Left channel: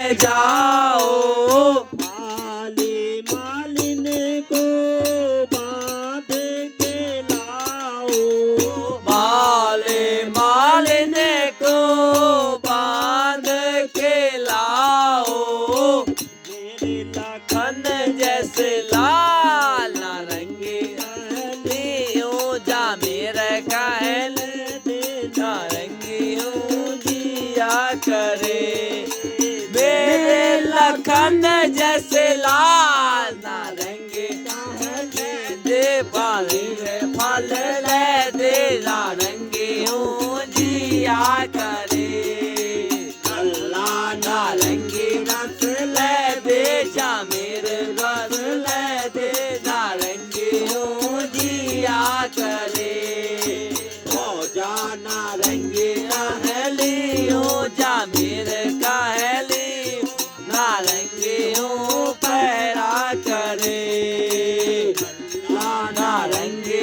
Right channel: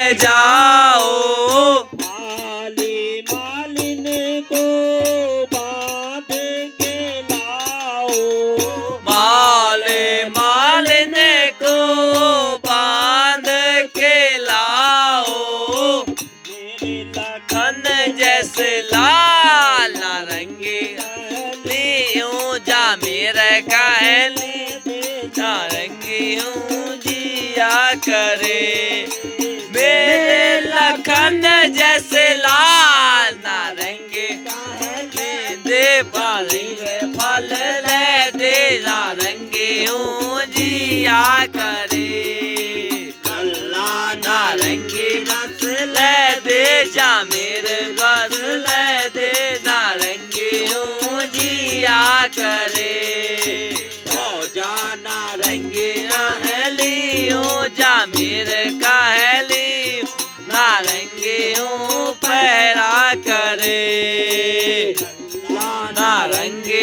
जाओ माली मालिन को बांध के लाओ। माले मालिन को बांध के लाओ। मेरे लखन जैसे लाल नारंगी लियो जा मेरे कहले नारंगियों जिया करे। मेरे लखन जैसे लाल नारंगी कहले दे पाली फल ले दे नारंगियों जिया करे। अल्लाह नारंगी बस ले दे जा मेरे बस ले दे नारंगियों जिया करे। जा नारंगी कहलियो जा मेरे कहली नारंगियों पहरा करे। नारंगी